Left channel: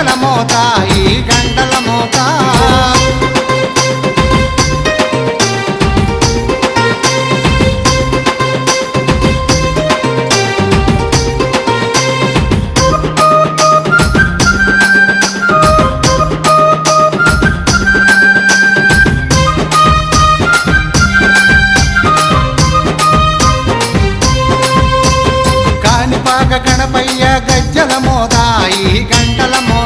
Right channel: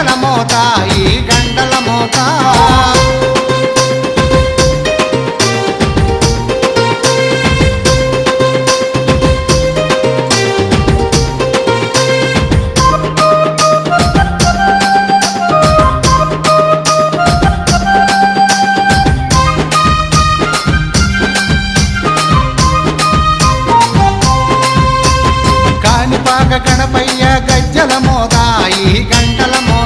ఎవ్వరది మోత ఈ గంటల మోత కాణిపాక గణపయ్య గజ్జల మోత ఈ గంటల మోత